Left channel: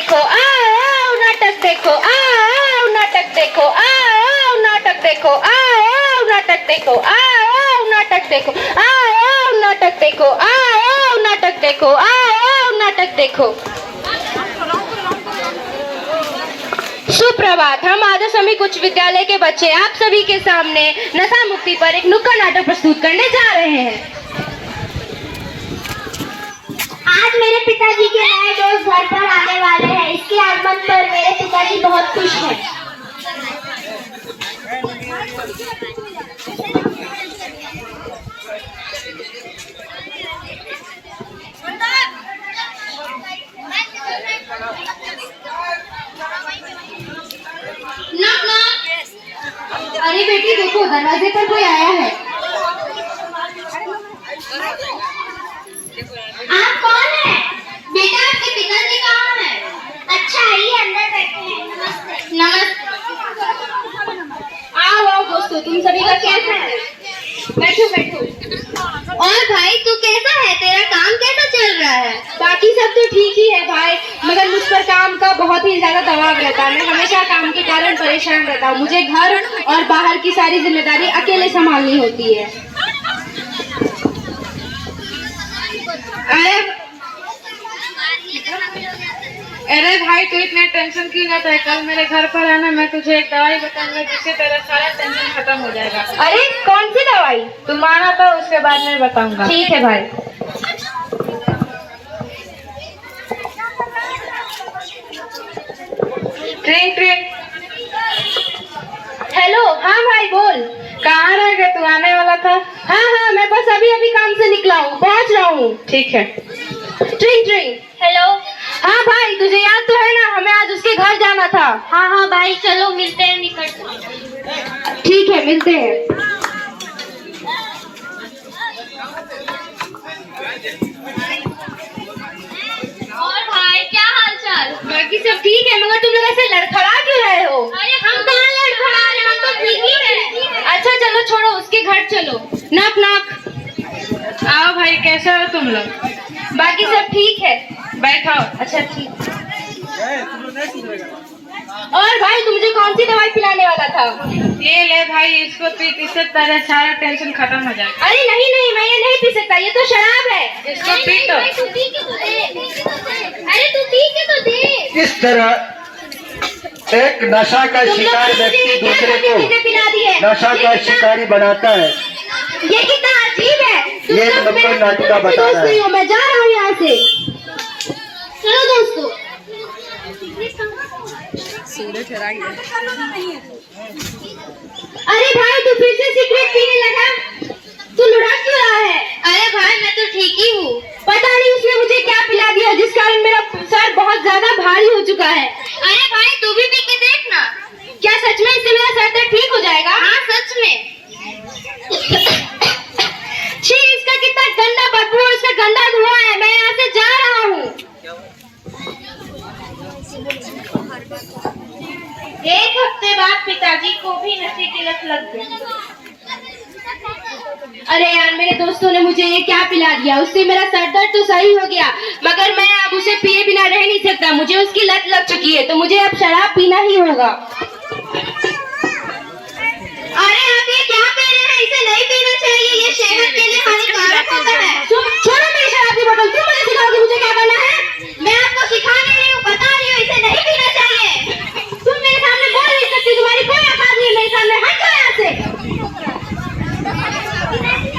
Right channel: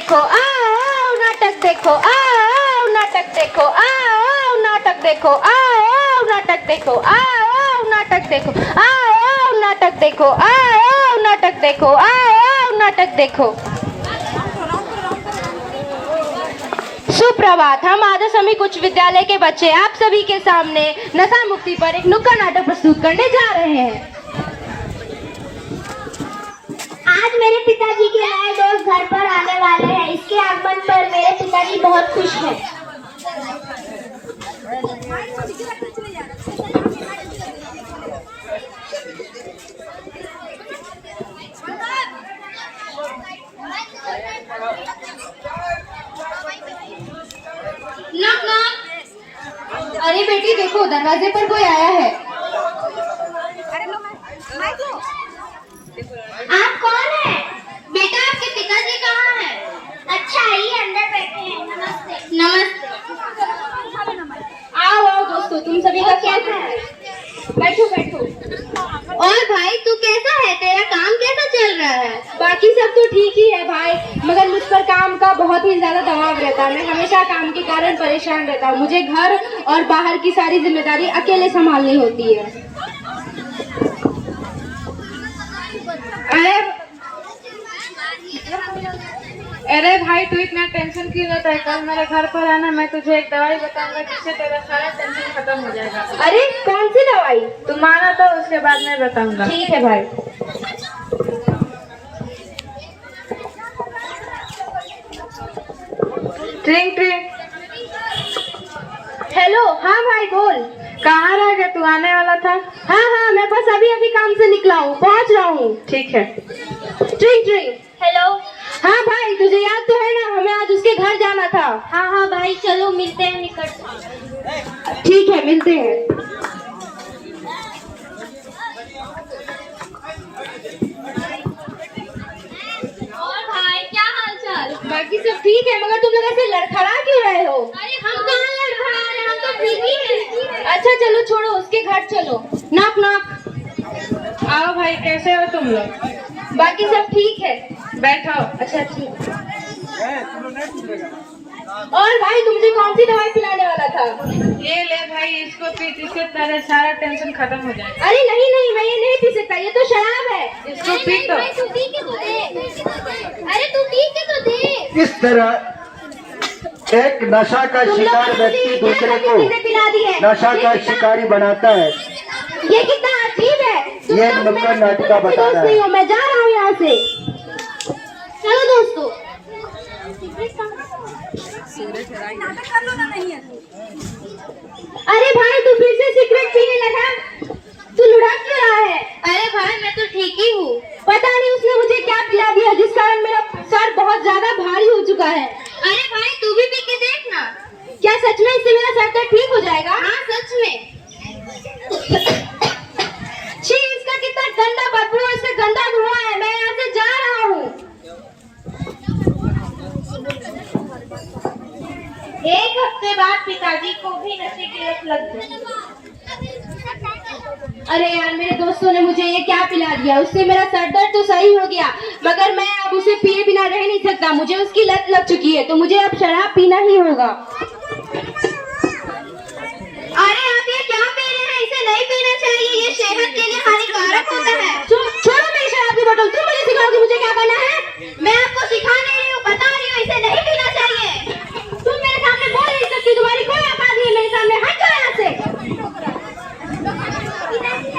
देखो, आओ नाटक देखो, आओ नाटक देखो, आओ नाटक देखो, आओ नाटक देखो, आओ नाटक देखो, आओ नाटक देखो, आओ नाटक देखो, आओ नाटक देखो। सुप्रभात। हम आदर्श समिक उच्च विद्यालय के बच्चे आप सभी के सामने नशा मुक्ति पर एक नुक्कड़ नाटक प्रस्तुत करने जा रहे हैं। आज मेरे पिताजी के नए दोस्त घर पर आने वाले हैं। इसके आगमन पर मेरे पिताजी बहुत खुश हैं। Knock knock. अरे बेटी देखो, दरवाजे पर कोई आया है। आप कौन हैं? बेटा आपके पिताजी कहाँ हैं? अच्छा आइए अंदर बैठे हैं। नमस्ते। नमस्ते। आओ आओ दोस्तों, तुम सभी का कैसा है? बैठो बैठो। और भाई तू कैसा है? तेरा काम कैसा चल रहा है? बाकी सब तो ठीक ही है भाई, मगर मुझ पर काम का बहुत ही ज्यादा दबाव रहता है। मैं हमेशा काम के कारण परेशान रहता हूँ। मुझे घर और बाहर की सारी जिम्मेदारी अकेले संभालनी होती है। अरे भाई तू इतना टेंशन क्यों लेता है? कल मेरे घर पर आना, मैं तुझे एक दवाई बताऊंगा जिससे तेरा सारा टेंशन खत्म हो जाएगा। अरे कौन सी दवाई? तुम आना तो उसके बाद मैं बताऊंगा। ठीक है भाई। ट्रिंग ट्रिंग। हेलो। हाँ भाई बोल। कहाँ रह गया? तू आने वाला था। हाँ हाँ, मैं बस अभी अभी काम से निकला हूँ, पहुँच रहा हूँ। ठीक है। ट्रिंग ट्रिंग। हेलो। हाँ भाई, तुझे याद तो है ना, हमें आज उसके घर जाना था। हाँ हाँ भाई, चलो मिलते हैं निकट। ठीक है, मिलते हैं। और भाई क्या हाल चाल? बाकी सब ठीक है, मगर तुम लोग ऐसे लड़खड़ा क्यों रहे हो? अरे हम कहाँ लड़खड़ा रहे हैं, हम तो ठीक ही हैं। अच्छा चलो छोड़ो, उसके घर चलो। नाक नाक। आओ भाई, कैसे हो तुम लोग? बाकी सब ठीक है। बैठो। अच्छा ठीक। और भाई तुम मुझे कौन सी दवाई पिलाने वाला था? ये ले भाई, इसको पी, इससे तेरा सारा टेंशन खत्म हो जाएगा। अरे नहीं नहीं, मैं ये नहीं पी सकता, ये तो शराब है। इसको पी तो। तू पी के तो दे। अरे तू पी के तो दे। इस तरह एक नशा का तुम लोग शिकार मुझे व्यक्ति क्या दूसरे गंदी को चीजें पिला दी है? नशा का शिकारी बनाता है। ये कितना अजीब है। तुम ये लोग नुक्कड़ मेरे नाटक का दोस्त बताना है। नहीं हो, मैं जा रहा हूँ यहाँ से। चलो दोस्तों। अरे भाई तू फिर से सिगरेट पीने लगा? तू लुढ़क क्यों रहा है? अरे भाई मैं तो ठीक ही हूँ। पता नहीं उसने मुझे क्या पिला दिया जिस कारण मेरा सर बहुत ज्यादा भारी हो चुका है। अरे भाई तू भी पी के देख ना। क्या सच में इससे मेरा सर दर्द ठीक हो जाएगा? हाँ सच में। छी, इसका कितना गंदा बदबू, इसका गंदा धुआं है। मैं यहाँ से जा रहा हूँ। एक हफ्ते बाद पिताजी को भी नशे की लत लग गई। अरे यार, मेरे दोस्तों ने मुझे ये क्या पिला दिया? उससे मेरा सर दर्द तो सही हो गया, मगर मैं अब उसे पिए बिना रह नहीं सकता। मुझे उसकी लत लग चुकी है, तो मुझे अब शराब पीना ही होगा। अरे आप ये क्या पी रहे हैं? इसे नहीं पीना चाहिए, ये सेहत के लिए हानिकारक होता है। छोड़ो मेरी शराब की बोतल। तुम मुझे सिखाओगे मुझे क्या करना है? मैं आपको सिखा नहीं रही हूँ, बता रही हूँ, इसे नहीं पीना चाहिए। तुम मेरे सामने बोल नहीं सकती, तुम्हारी कोई औकात नहीं है मेरे सामने। हट जाओ यहाँ से।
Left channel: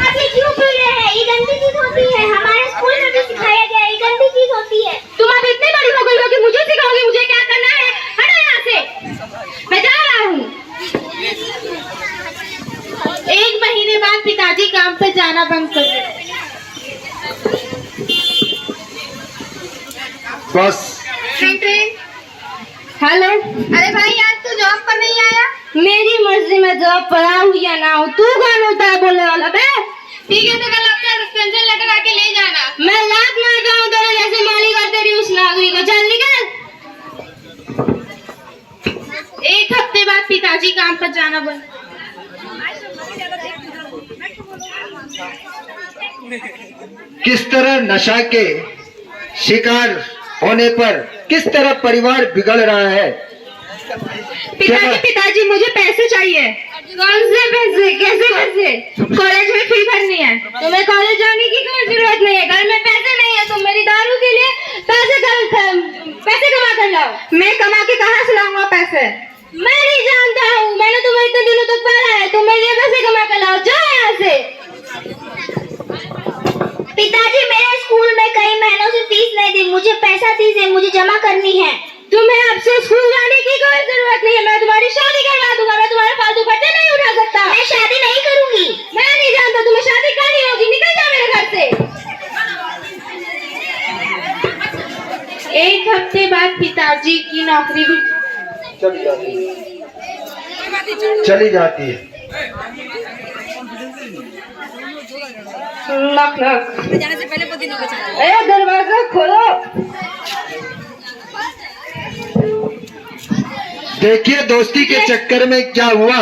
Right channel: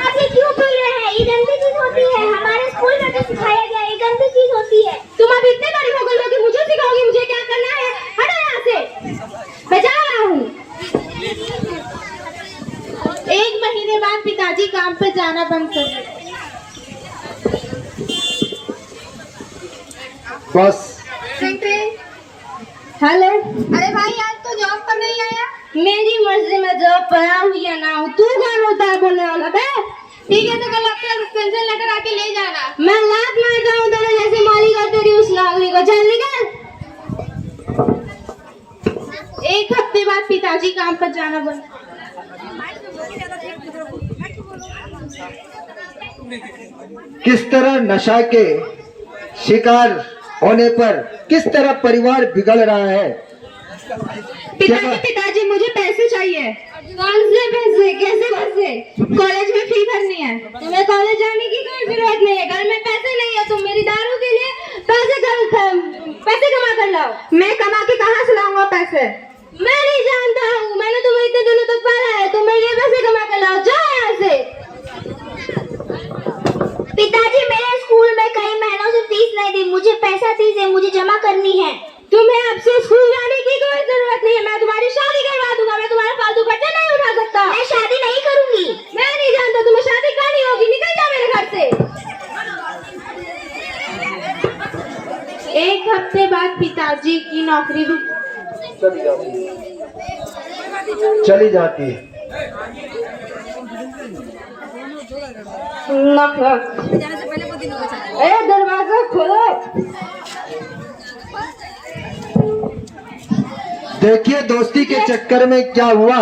आप ये क्यों पी रहे हैं? ये गंदी चीज होती है, हमारे स्कूल में भी सिखाया गया है, ये गंदी चीज होती है। तुम अब इतनी बड़ी हो गई हो कि मुझे सिखाओगे मुझे क्या करना है? हटो यहाँ से, मैं जा रहा हूँ। 1 महीने बाद पिताजी काम पे जाना बंद कर दिया। बस हेलो। अरे भाई आज तो जॉब पर नहीं आया? मेरी मर्जी में जॉब पर आऊँ या ना आऊँ, तू कौन होता है बोलने वाला बे? ठीक है तो कल अपना एक्सटेंशन लेकर आके ले जाना। मैं लात मार जाऊँ तेरे जैसे मालिक और तेरी उस नागरी को। चल निकल। 1 हफ्ते बाद पिताजी काम पर जाना बंद। किस तरह नशा के शिकार होने पर किस तरह परिवार बिगड़ रहा है। पिताजी मुझे पैसे चाहिए। कौन से पैसे? कैसे पैसे? कॉलेज में फी भरनी है। तुम्हें कॉलेज जाने की कोई जरूरत नहीं है। घर में पैसे नहीं है, तुम मेरी दारू के लिए पैसे कमा कर लाओ। मैं कमा के कहाँ से लाऊंगा पैसे? मैं नहीं जानता हूँ, मैंने तुम्हें इतने दिनों तक पाला है, तुम मेरे लिए पैसे कमा कर लाओ। जाओ यहाँ से। पिताजी मेरे स्कूल में कई महीनों से फीस नहीं दी, मुझे पैसा दीजिए, मुझे जमा करनी है। तुम्हें अब से स्कूल जाने की कोई जरूरत नहीं है। मैं तुम्हारी शादी करवा दूंगा। मैं तुम्हारा फालतू खर्चा नहीं उठा सकता। मैं शादी नहीं करूंगी। मैं नहीं जानता, तुम्हें शादी करनी होगी। निकल जा मेरे घर से। एक हफ्ते बाद पिताजी की नौकरी भी चली जाती है। नक नक। दरवाजा खोलो। देखिए दोस्ती के चक्कर में क्या हुआ।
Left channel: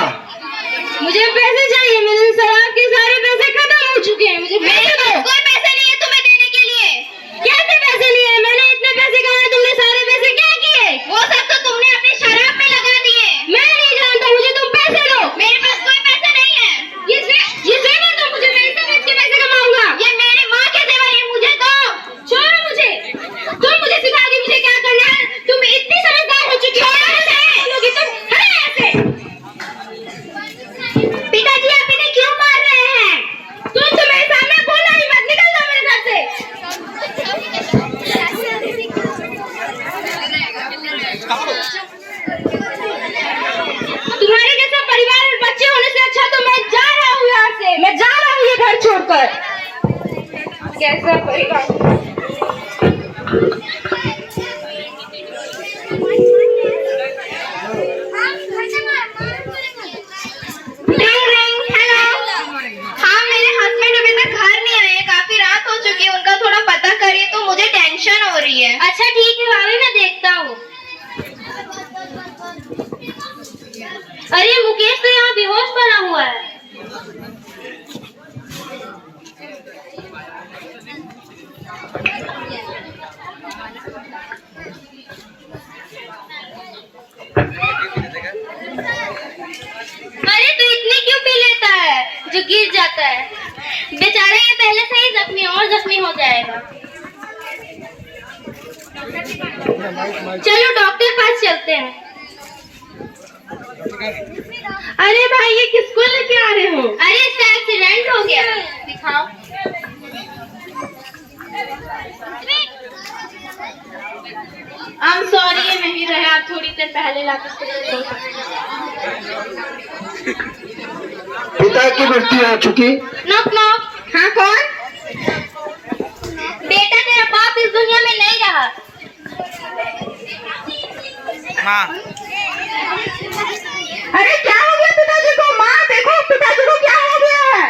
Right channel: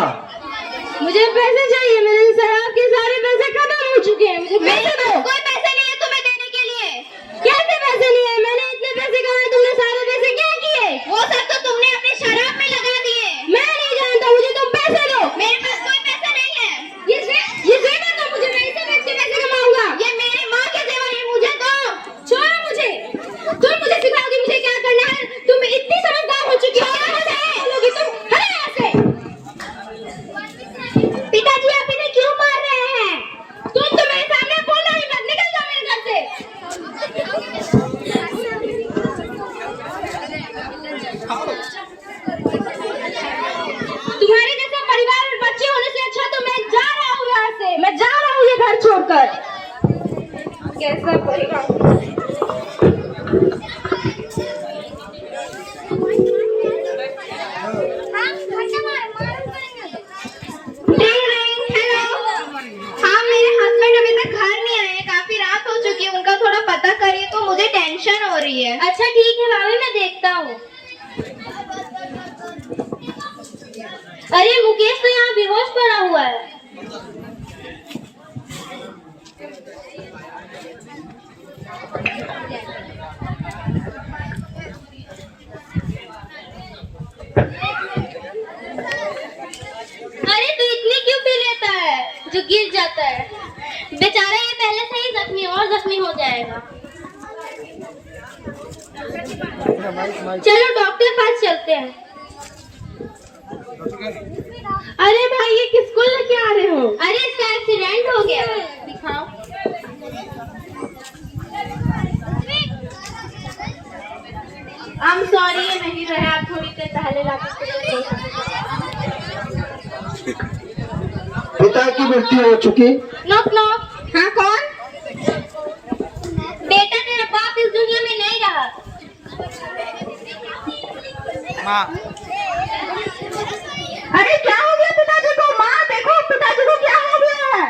मुझे पैसे चाहिए। मेरे शराब के सारे पैसे खत्म हो चुके हैं। मुझे पैसे दो। कोई पैसे नहीं है तुम्हें देने के लिए। कैसे पैसे नहीं है? मैंने इतने पैसे कमाए, तुमने सारे पैसे क्या किए? वो सब तो तुमने अपनी शराब में लगा दिए। मैं नहीं जानता, मुझे तुम पैसे दो। मेरे पास कोई पैसे नहीं है। ये जेवर दो मुझे, मैं इसे बेच के पैसे कमाऊंगा। ये मेरी माँ के जेवर है, मुझे दो। छोड़ो मुझे। तुम मुझे सिखाओगी मुझे क्या करना है? तुम इतनी समझदार हो चुकी हो। पिताजी आप इन्हें क्यों मार रहे हैं? तुम तो मेरे सामने बोला ही मत। निकल जाओ मेरे घर से। तुम्हारे जैसा परिवार और बच्चे होने से अच्छा तो मैं जा रहा हूँ यहाँ से। मैं जा रहा हूँ ये घर छोड़कर। कैसा परिवार? टेंशन हो रही है। अच्छा ठीक है भाभी, मैं देखता हूँ। अरे मुकेश तो यहाँ बेहोश पड़ा हुआ है। अरे तू इतनी क्यों पी लेता है जो गिर जाता है? बेचारा ये पहले से ही जख्मी और जख्मी हो जाएगा। चलो डॉक्टर पास चलते हैं। अरे भाई ये किसको लेके आ रहे हो? अरे इसका एक्सीडेंट हो गया। दिखाओ। I'm sorry, ये नहीं रहे। आप थोड़ी देर पहले लाकर पिता की मृत्यु हो चुकी। Knock knock. हाँ कौन? बेटा तेरा बाप इस दुनिया में नहीं रहा। माँ अरे क्या हो गया पिताजी को? माँ देखो पिताजी को क्या हो गया है?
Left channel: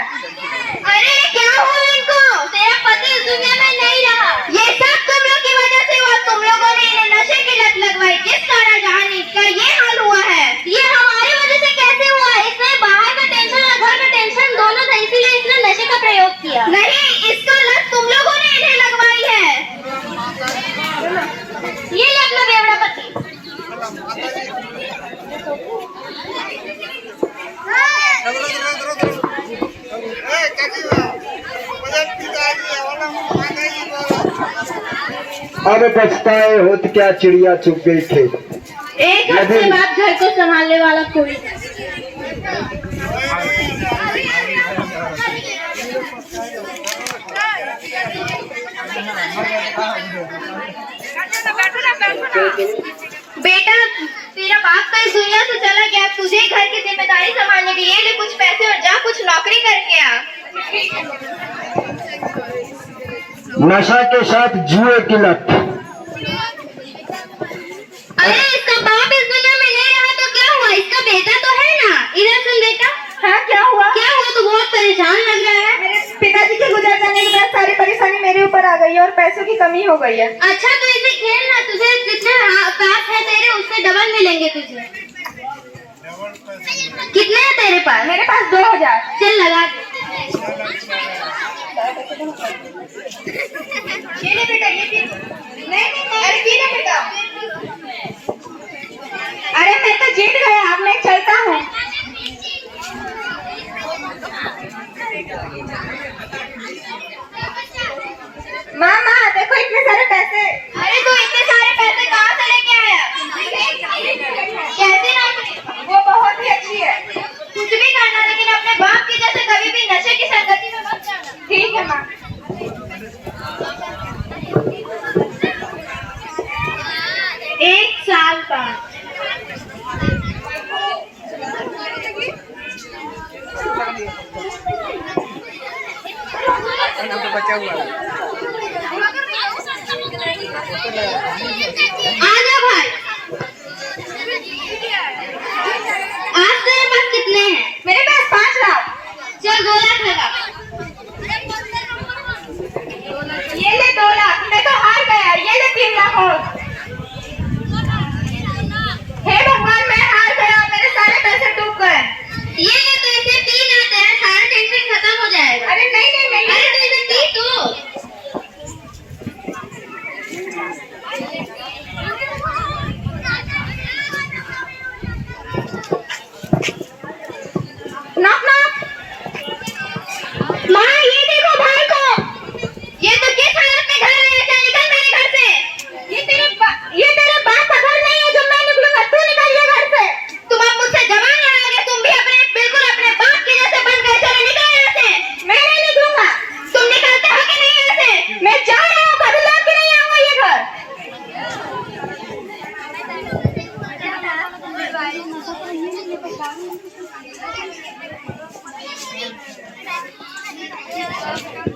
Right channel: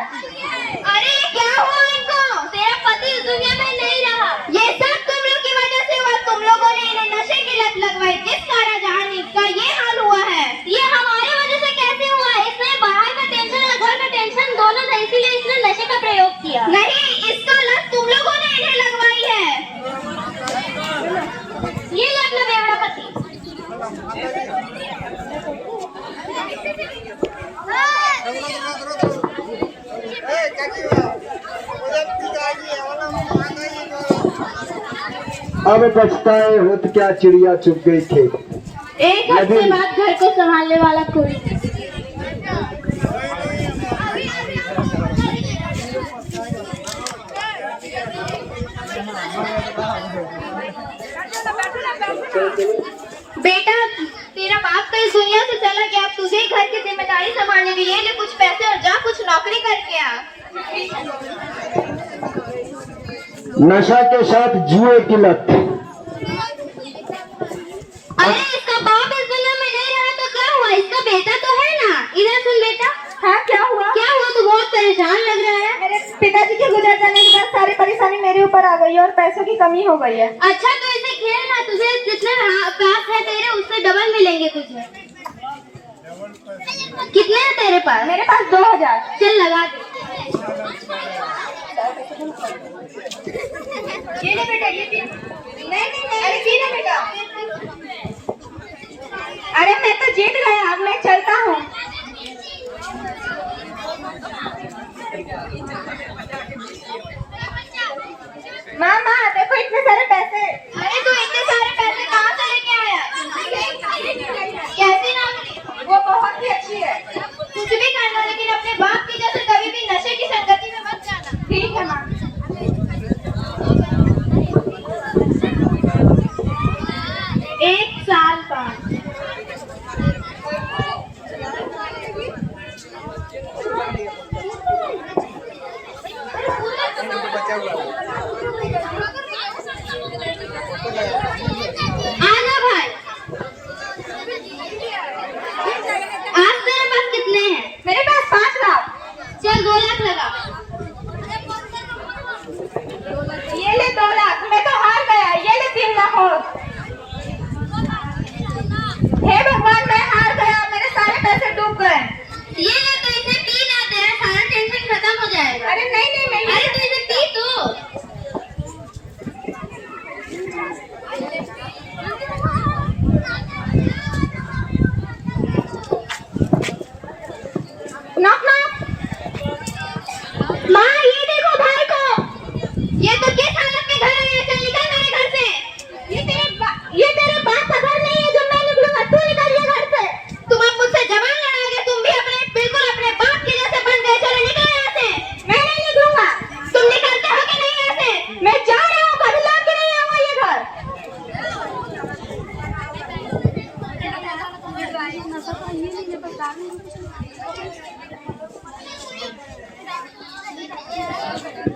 अरे क्या हुआ इनको? तेरा पति इस दुनिया में नहीं रहा। ये सब तुम लोग की वजह से हुआ। तुम लोगों ने इन्हें नशे की लत लगवाई, जिस कारण जहां इसका ये हाल हुआ है। ये हमारे वजह से कैसे हुआ? इसने बाहर का टेंशन और घर का टेंशन दोनों था, इसीलिए इसने नशे का प्रयोग किया। नहीं, इसका लत तुम लोगों ने इन्हें लगवाई है। ये ले अपना बेवड़ा पति। अब पछताए होत क्या चिड़िया चुग गई थे। एक हफ्ते बाद घर को संभालने वाला कोई नहीं। बेटा तेरा बाप तो इस दुनिया से चला गया, तुझे घर की जिम्मेदारी संभालने की। ये ले कुछ पैसे और जा कुछ नौकरी करके आ। नशा के साथ जुए की लत। अरे इसका बाप इस दुनिया में नहीं रहा तो क्या हुआ? इसका बेटा तो है ना। इधर सुन बेटा। हाँ क्या हुआ? क्या हुआ? तू बहुत परेशान लग रहा है। मेरे पिताजी के गुजर जाने के बाद सारी परेशानी मेरे ऊपर आ गई है और पैसों की कमी हो गई है। अच्छा तो इसे खेल ना, तुझे जितने पैसे है तेरे उससे डबल मिलेंगे तुझे। कितने है तेरे पास? मेरे पास 2000। चल लगा दे। ये ले बेटा, ये नहीं, अरे आजा